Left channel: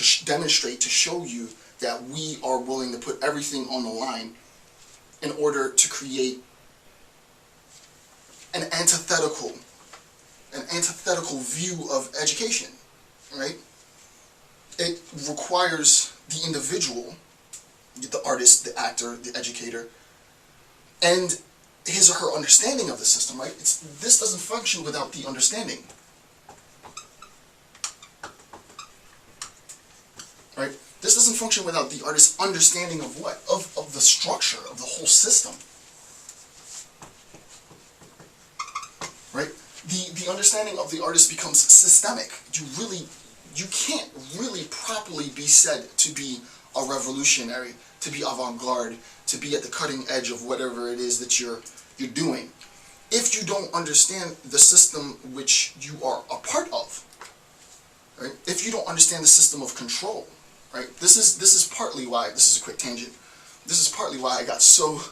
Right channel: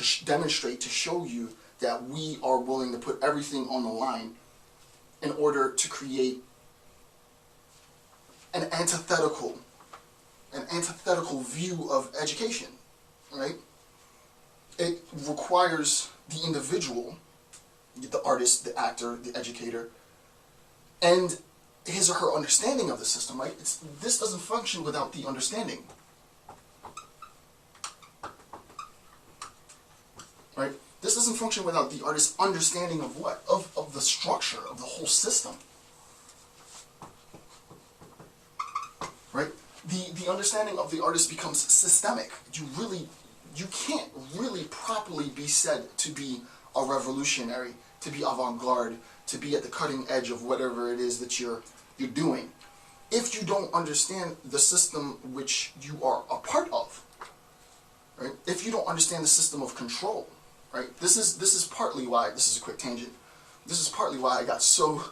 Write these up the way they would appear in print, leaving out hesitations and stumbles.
to demonstrate, to show you that we are willing to put everything on the line in order to create an antithetical view of education, right? It requires the individual, the artist, the actor, the educator, and his or her understanding of the system, right? This doesn't function without the understanding, right? This doesn't function without the artist's understanding of what? Of the structure, of the whole system, right? The understanding of the artist becomes systemic. You can't really properly be said to be a revolutionary, to be avant-garde, to be at the cutting edge of whatever it is that you're doing, if you don't understand the system which you are a part of, right? If you don't understand the system of control, right? This is partly why, this is a quick tangent, this is partly why I got so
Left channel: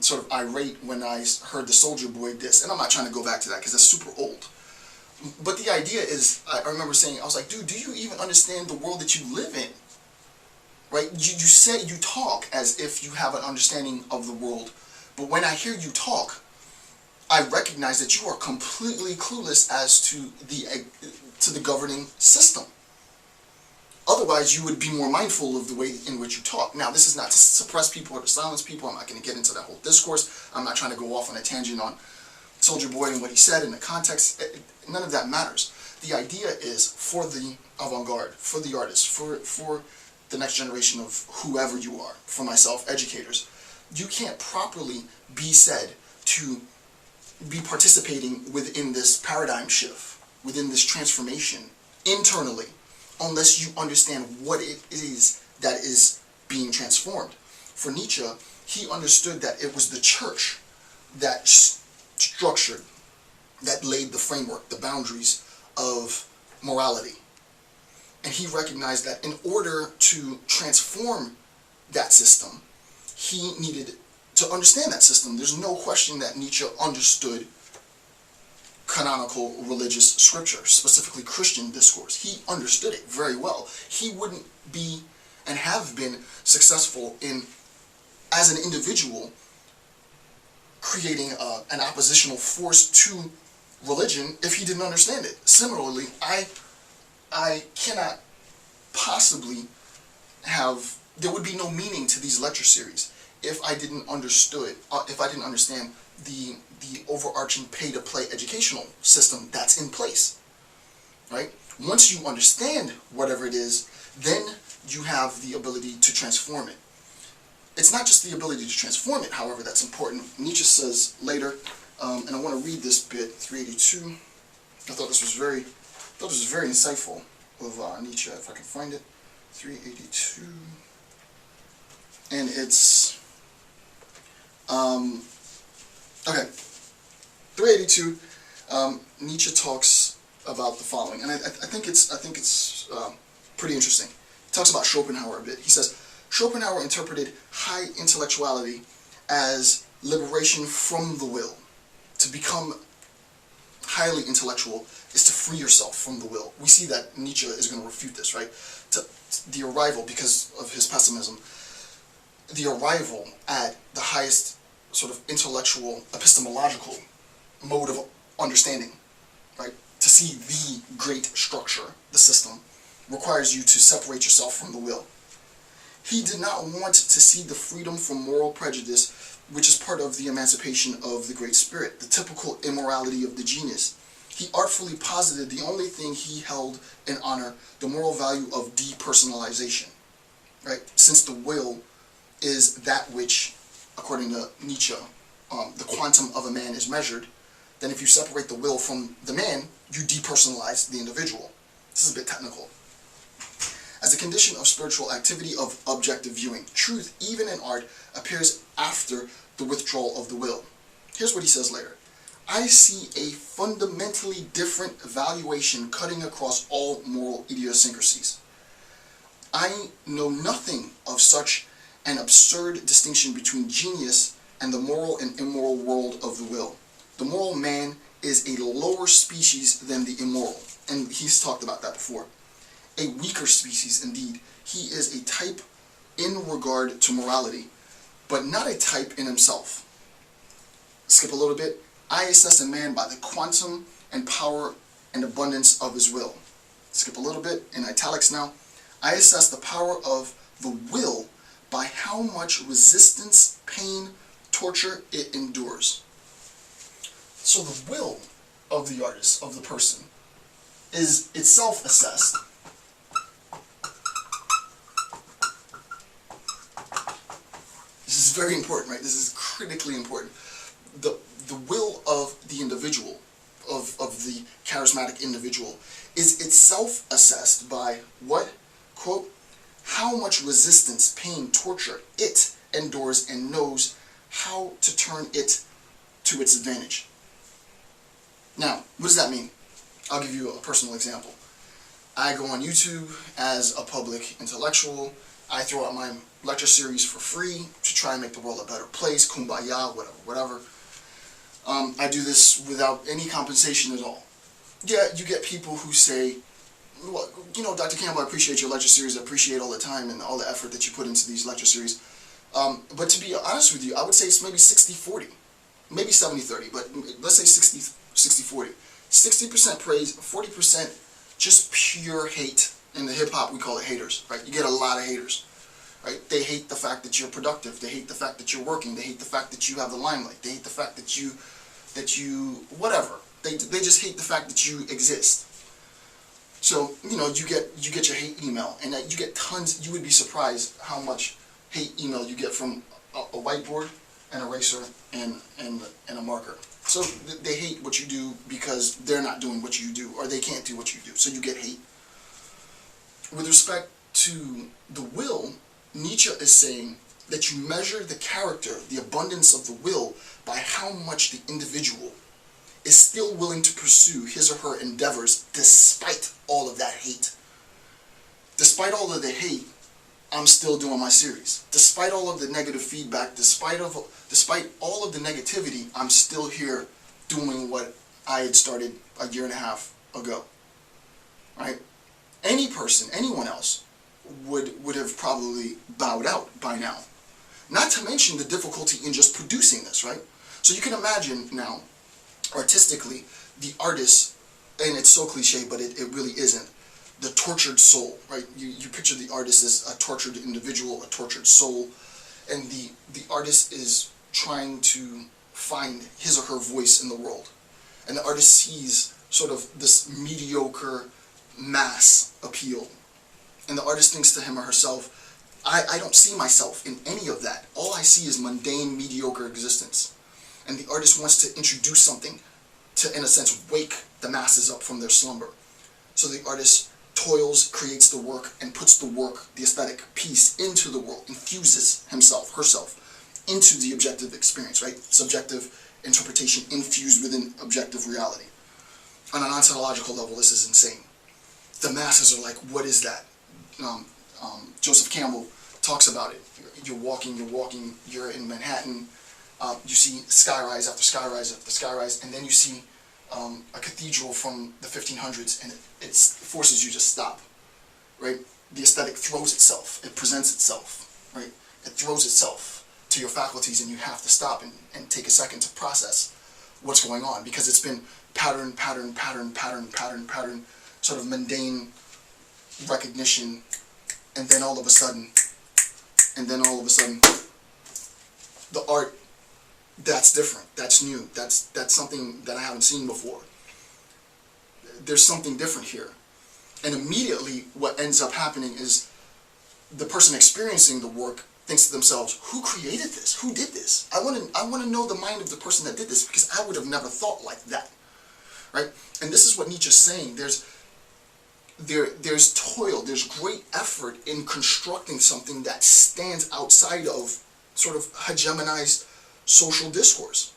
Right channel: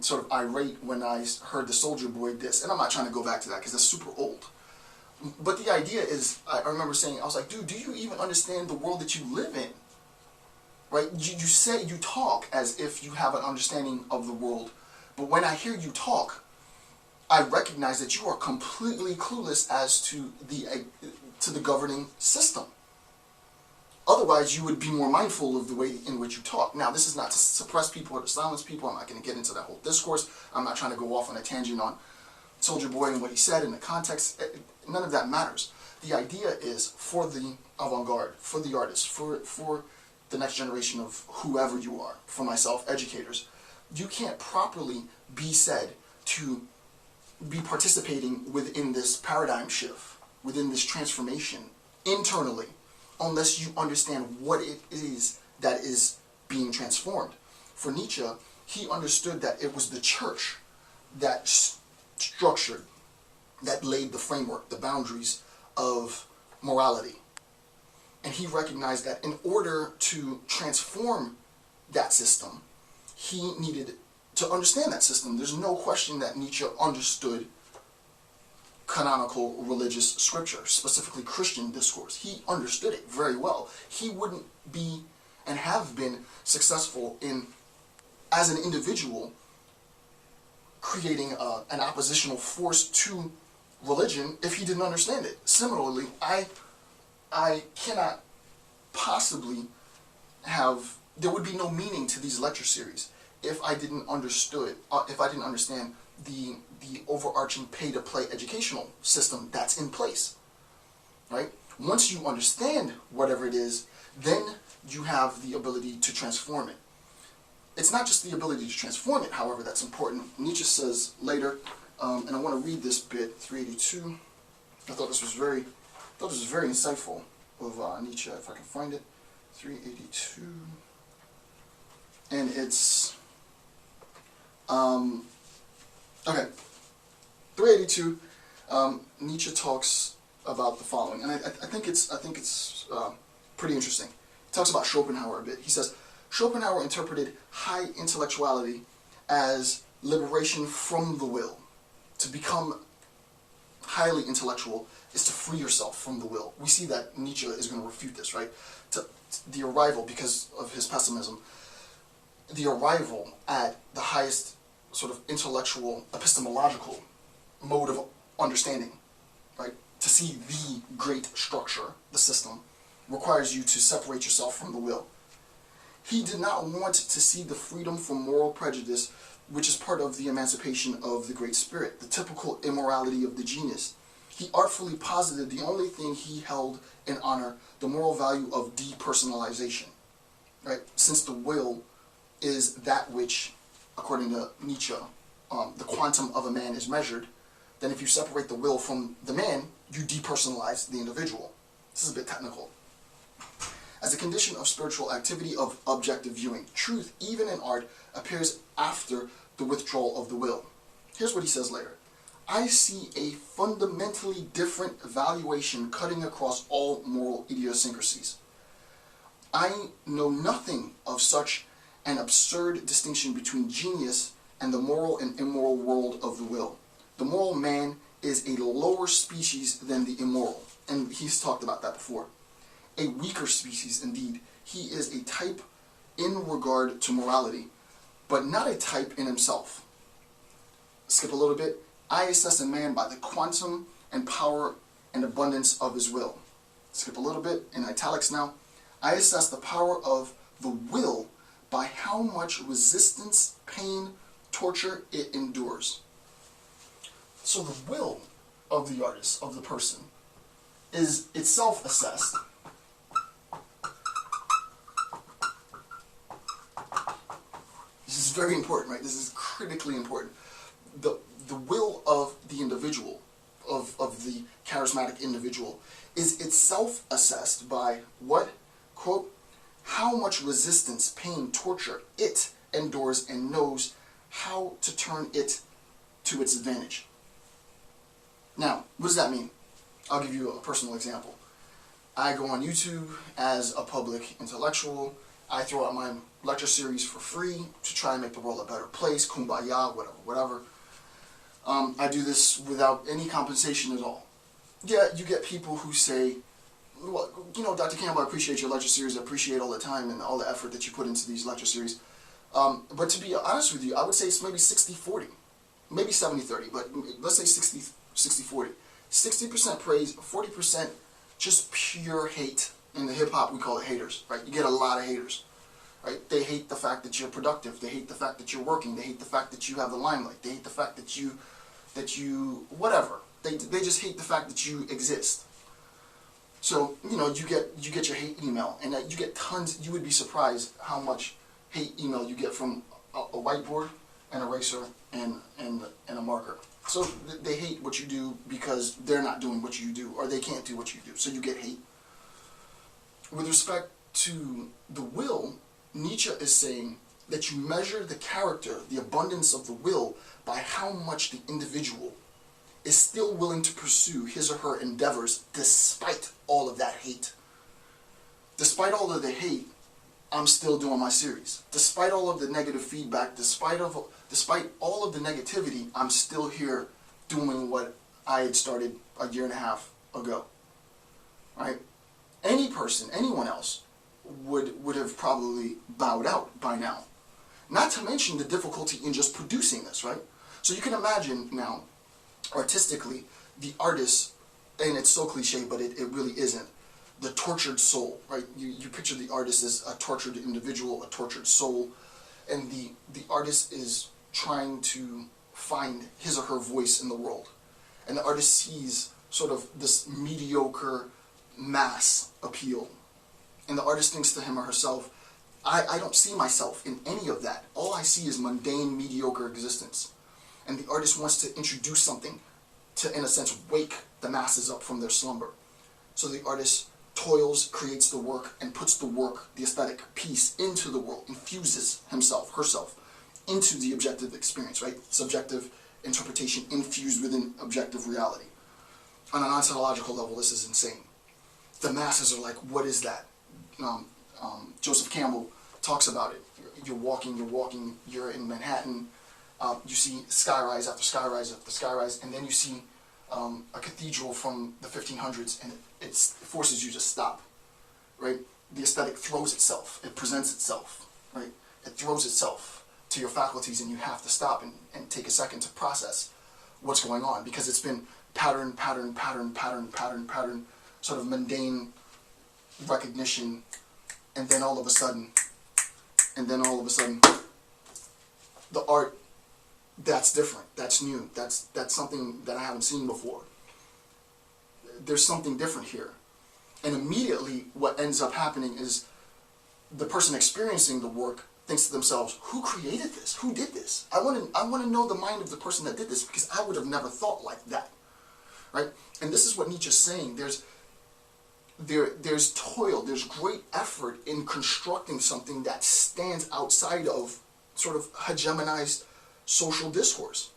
sort of irate when I heard the Soldier Boy diss, and I'm not trying to go back to that because that's super old. But the idea is, I remember saying, I was like, dude, do you even understand the world that you live in? Right? You talk as if you have an understanding of the world, but when I hear you talk, I recognize that you are completely clueless as to the governing system. Otherwise, you would be more mindful of the way in which you talk. Now, this is not to suppress people or to silence people. I'm not going to get into that whole discourse. I'm not trying to go off on a tangent on Soldier Boy and what he said in the context. None of that matters. The idea is for the avant-garde, for the artist, for the next generation of whoever you are, for myself, educators, you can't properly be said to be participating within this paradigm shift, within this transformation internally, unless you understand what it is that is being transformed. For Nietzsche, he understood that it was the church that structured, that laid the framework, the boundaries of morality. And he recognized that in order to transform that system, he needed to understand that system. There's no question that Nietzsche understood canonical religious scripture, specifically Christian discourse. He understood it very well. He wouldn't be and have been successful in, as an individual, creating an oppositional force to religion if he didn't understand it. Similarly, I cannot possibly have, there would be no meaning to these lecture series if I didn't understand the overarching pay-to-play educational system that's in place, right? Once you understand whatever it is, then you have the ability to transform it. It's not just the ability to transform it, however, that's important. Nietzsche says later, and I want to read this bit, 382. I thought this was very insightful of Nietzsche, if I can find it. 382. And it's okay. 382. Nietzsche talks about the following, and I think it's pretty interesting. He talks about Schopenhauer a bit. He says, Schopenhauer interpreted high intellectuality as liberation from the will. To become highly intellectual is to free yourself from the will. We see that Nietzsche is going to refute this, right? The arrival, because of his pessimism, the arrival at the highest sort of intellectual, epistemological mode of understanding, right? To see the great structure, the system, requires you to separate yourself from the will. He did not want to see the freedom from moral prejudice, which is part of the emancipation of the Great Spirit, the typical immorality of the genius. He artfully posited the only thing he held in honor, the moral value of depersonalization, right? Since the will is that which, according to Nietzsche, the quantum of a man is measured, then if you separate the will from the man, you depersonalize the individual. This is a bit technical. As a condition of spiritual activity of objective viewing, truth, even in art, appears after the withdrawal of the will. Here's what he says later. I see a fundamentally different valuation cutting across all moral idiosyncrasies. I know nothing of such an absurd distinction between genius and the moral and immoral world of the will. The moral man is a lower species than the immoral, and he's talked about that before. a weaker species indeed. He is a type in regard to morality, but not a type in himself. Skip a little bit. I assess a man by the quantum and power and abundance of his will. Skip a little bit, in italics now. I assess the power of the will by how much resistance, pain, torture it endures. So the will of the artist, of the person, is itself assessed. This is very important, right? This is critically important. The will of the individual, of the charismatic individual, is itself assessed by what? Quote, how much resistance, pain, torture it endures and knows how to turn it to its advantage. Now, what does that mean? I'll give you a personal example. I go on YouTube as a public intellectual. I throw out my lecture series for free to try and make the world a better place, kumbaya, whatever. I do this without any compensation at all. Yeah, you get people who say, well, you know, Dr. Campbell, I appreciate your lecture series, I appreciate all the time and all the effort that you put into these lecture series. But to be honest with you, I would say it's maybe 60-40, maybe 70-30, but let's say 60-40. 60% praise, 40% just pure hate. In the hip-hop, we call it haters, right? You get a lot of haters, right? They hate the fact that you're productive. They hate the fact that you're working. They hate the fact that you have the limelight. They hate the fact that you whatever. They just hate the fact that you exist. So, you know, you get your hate email, and you get tons. You would be surprised how much hate email you get from a whiteboard, an eraser, and a marker. So they hate what you do because they're not doing what you do, or they can't do what you do. So you get hate. With respect to the will, Nietzsche is saying that you measure the character, the abundance of the will, by how much the individual is still willing to pursue his or her endeavors despite all of that hate. Despite all of the hate, I'm still doing my series. Despite all of the negative feedback, despite all of the negativity, I'm still here doing what I had started a year and a half ago. Right? Any person, anyone else, would have probably bowed out by now. Not to mention the difficulty in just producing this, right? So you can imagine now, artistically, the artist, and it's so cliche, but it really isn't, the tortured soul, right? You picture the artist as a tortured individual, a tortured soul, and the artist is trying to find his or her voice in the world. And the artist sees sort of this mediocre mass appeal. And the artist thinks to him or herself, I don't see myself in any of that. All I see is mundane, mediocre existence. And the artist wants to introduce something to, in a sense, wake the masses up from their slumber. So the artist toils, creates the work, and puts the work, the aesthetic piece, into the world, infuses himself, herself, into the objective experience, right? Subjective interpretation infused within objective reality. On an ontological level, this is insane. The masses are like, what is that? Joseph Campbell talks about it. You're walking, you're in Manhattan, you see skyrise after skyrise after skyrise, and then you see a cathedral from the 1500s, and it forces you to stop, right? The aesthetic throws itself, it presents itself, right? It throws itself to your faculties, and you have to stop and take a second to process what's going on, because it's been pattern, sort of mundane recognition, and then all of a sudden, the art, that's different, that's new, that's something that I haven't seen before. There's something different here. And immediately what ends up happening is the person experiencing the work thinks to themselves, who created this? Who did this? I want to know the mind of the person that did this, because I would have never thought like that. Right? And this is what Nietzsche's saying. There's toil, there's great effort in constructing something that stands outside of sort of hegemonized social discourse.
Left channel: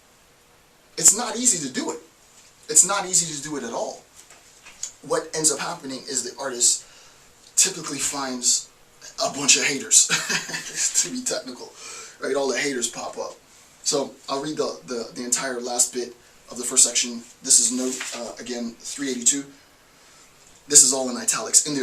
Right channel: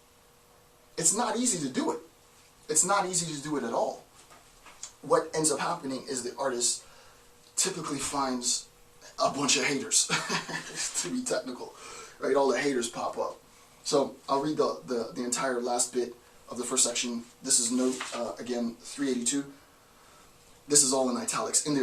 It's not easy to do it. It's not easy to do it at all. What ends up happening is the artist typically finds a bunch of haters, to be technical, right? All the haters pop up. So I'll read the entire last bit of the first section. This is note, again, 382. This is all in italics. In the